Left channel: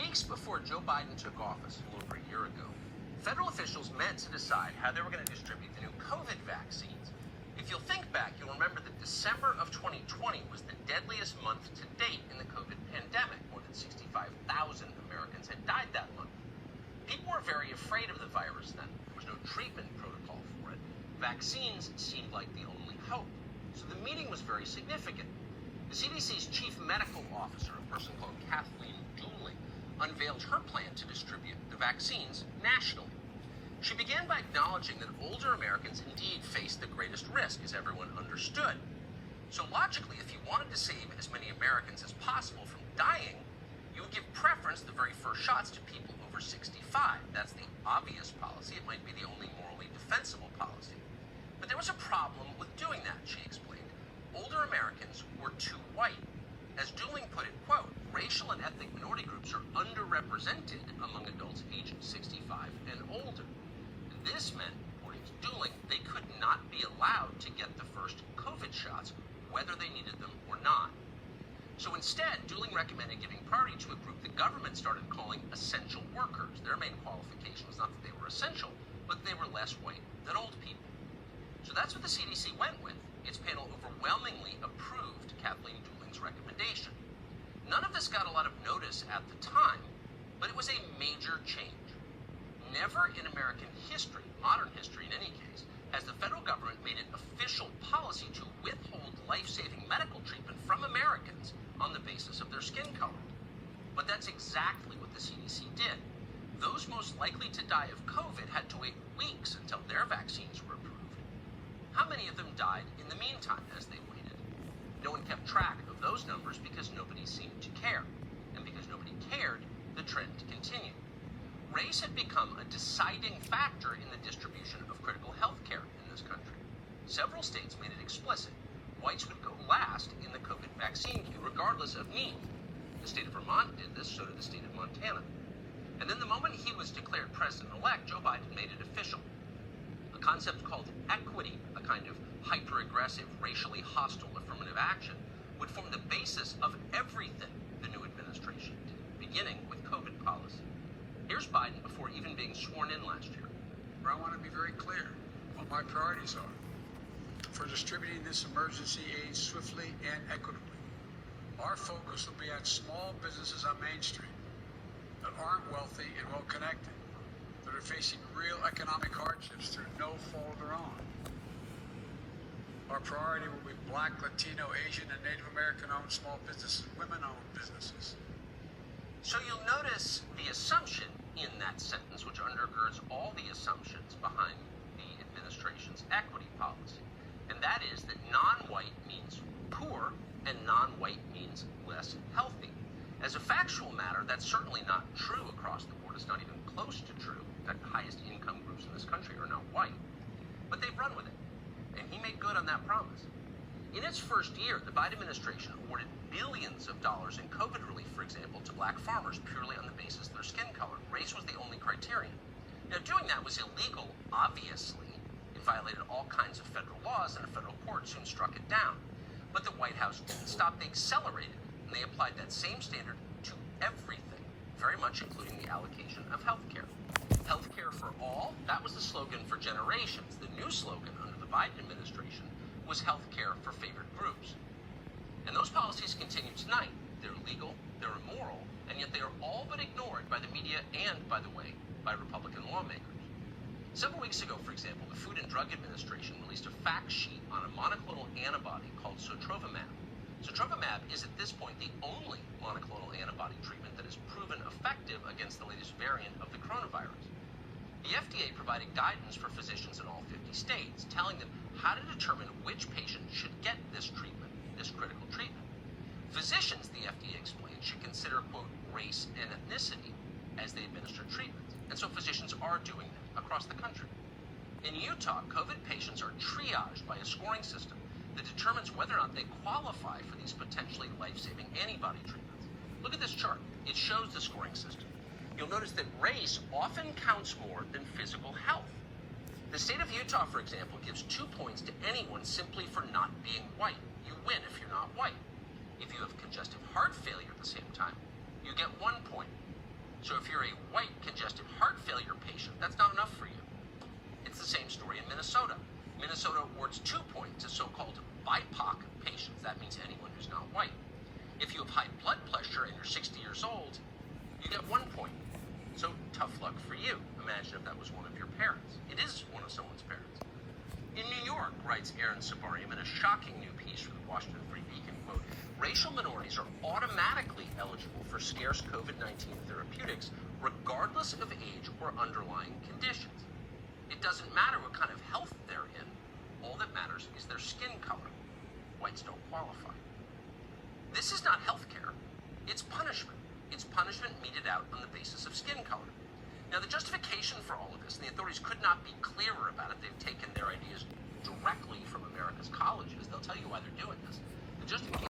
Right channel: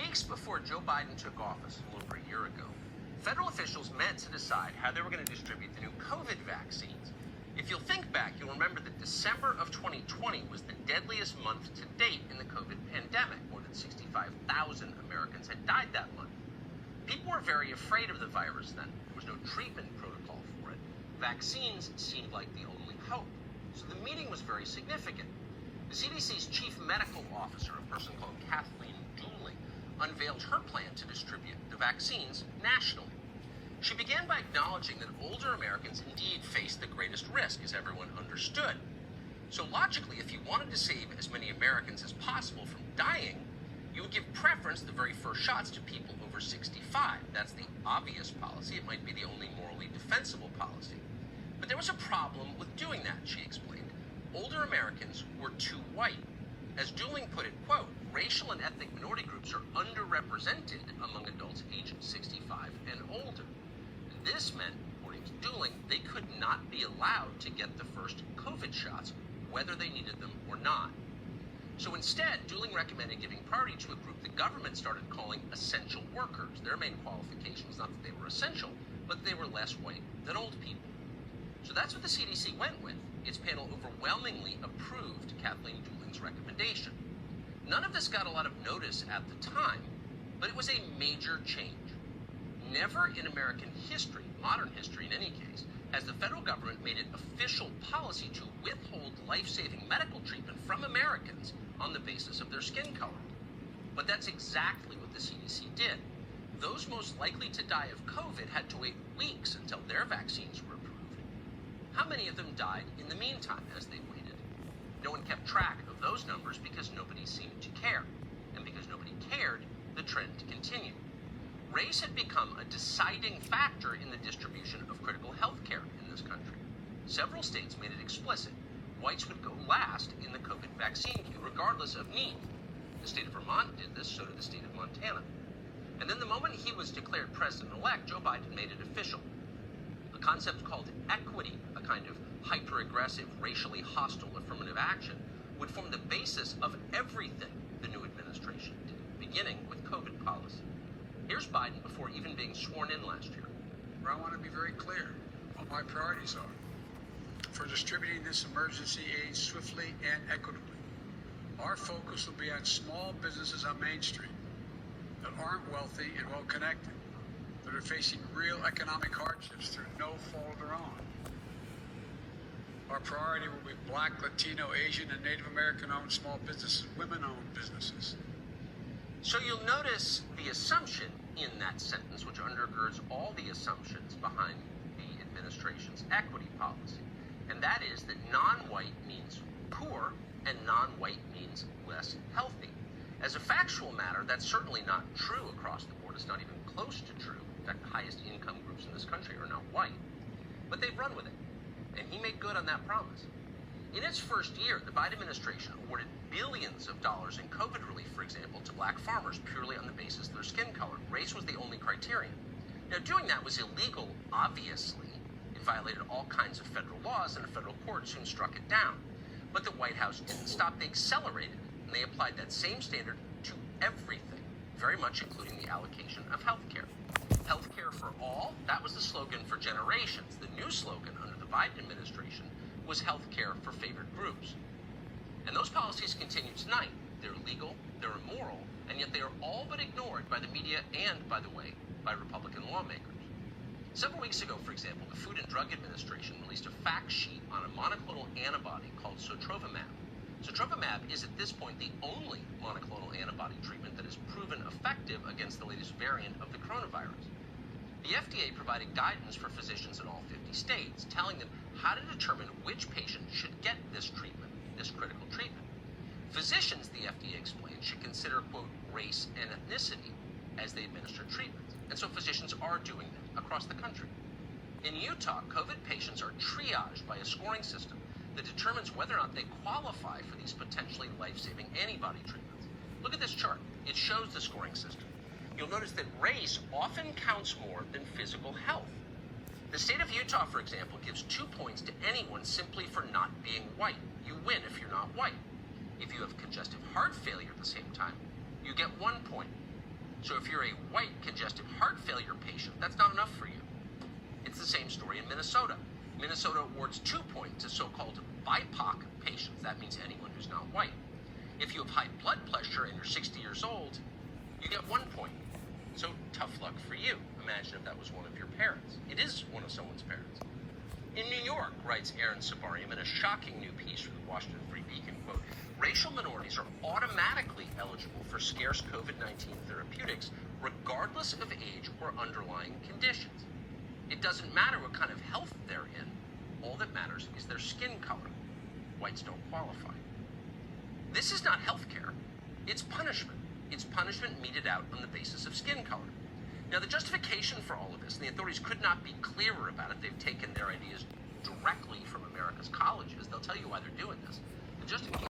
Weeks before Joe Biden took office a little over a year ago, federal officials met to decide how they were going to distribute the new COVID vaccines. If you'll think back, you'll remember that December of 2020 was the deadliest month to date in the COVID pandemic. More than 65,000 Americans had died that month. People were very afraid of the virus then. There was no treatment protocol for it. Vaccines seemed like the only hope. So the meeting was very significant. The CDC's chief medical officer, a person called Kathleen Dooling, unveiled her plan to distribute the vaccines nationally. She began by acknowledging that older Americans indeed faced the greatest risk, as everyone understood. So logically, if you wanted to save as many Americans as possible from dying, you would give preference the very first shots to people over 65. That's the obvious policy. It might be the only morally defensible policy. But there was a problem with doing that, she explained. Older Americans were too white. As Dooling put it, quote, racial and ethnic minority groups are underrepresented among adults aged 65 and older. And this meant, according to Dooling, they could not be allowed to get the first COVID shots, whether they needed them or not. So instead, Dooling recommended giving priority to a group the government started calling essential workers. Their main qualification was not that they were essential, but they were less white than old people. So that's what the CDC went with. Its panel overwhelmingly approved Kathleen Dooling's recommendation. None of this got a lot of notice at the time, but it was a major change. Never in American history, modern history in any case, has the federal government made it official policy to withhold life-saving medical treatment from Americans on the basis of their skin color. But that's exactly what the CDC did. Those most likely to die of COVID had to wait weeks until their vaccines were approved. How many of them died in the meantime as they waited? No one kept track of those numbers because nobody seemed to care. And because nobody cared, the trend continued. Race had become a deciding factor in the distribution of critical health care in this country. Several states made it explicit. Whites would go last in the COVID vaccine queue, regardless of need. The state of Vermont did this, so did the state of Montana. And then the moment he was declared president-elect, Joe Biden made it official. A concept called equity, a kind of hyper-aggressive, racially hostile affirmative action, would form the basis of everything the new administration did, beginning with COVID policy. Here's Biden before even being sworn in last year. I want to be very clear what my priorities are for distributing this emergency aid swiftly and equitably. Our focus will be on small businesses on Main Street that aren't wealthy and well connected, that are facing real economic hardships through no fault of their own. Our priority will be Black, Latino, Asian, and Native American-owned small businesses, women-owned businesses. So you'll notice the assumption in that sentence, which undergirds all the assumptions behind the administration's equity policy, and that is that non-white means poor and non-white means less healthy. As a factual matter, that's certainly not true across the board. It's not even close to true. In fact, the highest income groups in this country are not white. But they've run with it, and he made good on that promise. In its first year, the Biden administration awarded billions of dollars in COVID relief, for example, to black farmers purely on the basis of their skin color. Race was the only criterion. Now, doing that was illegal, obviously. It violated all kinds of federal laws, and a federal court soon struck it down. But the White House didn't stop. They accelerated, and they applied that same standard to everything, very much including the allocation of health care. Health care for all, that was the slogan for generations. The new slogan under the Biden administration was health care for favored groups. And those policies continue tonight. They're legal, they're immoral, and yet they are all but ignored by the media and, by the way, by Republican lawmakers. Several weeks ago, for example, the Food and Drug Administration released a fact sheet on a monoclonal antibody called sotrovimab. Sotrovimab is at this point the only monoclonal antibody treatment that is proven effective against the latest variant of the coronavirus. The FDA providing guidance for physicians in all 50 states, telling them how to determine which patient should get this treatment, this critical treatment. Physicians, the FDA explained, should consider, quote, race and ethnicity as they administer treatments. And so physicians are doing that across the country. In Utah, COVID patients are triaged by a scoring system that determines whether or not they qualify for these potentially life-saving antibody treatments. Look at this chart. It shows the scoring system. You'll notice that race often counts more than physical health. The state of Utah, for example, gives 2 points to anyone simply for not being white. You win if you're not white. If you have congestive heart failure at the same time, you get 1 point. So if you're a white congestive heart failure patient, that's not enough for you. It's the same story in Minnesota. Minnesota awards 2 points to so-called BIPOC patients. That means anyone who's not white. If you have high blood pressure and you're 60 years old, you get 1 point. So tough luck for you. Imagine if that was one of your parents. It is one of someone's parents. In New York, writes Aaron Sabarium in a shocking new piece for the Washington Free Beacon, quote, racial minorities are automatically eligible for scarce COVID-19 therapeutics, regardless of age or underlying conditions. It doesn't matter what kind of health they're in. All that matters is their skin color. Whites don't qualify. This is not health care. It's punishment. It's punishment meted out on the basis of skin color. Now, the justification for all of this, and the authorities could not be clearer about it. They've taken their ideas directly from America's colleges. They'll tell you why they're doing this. The justification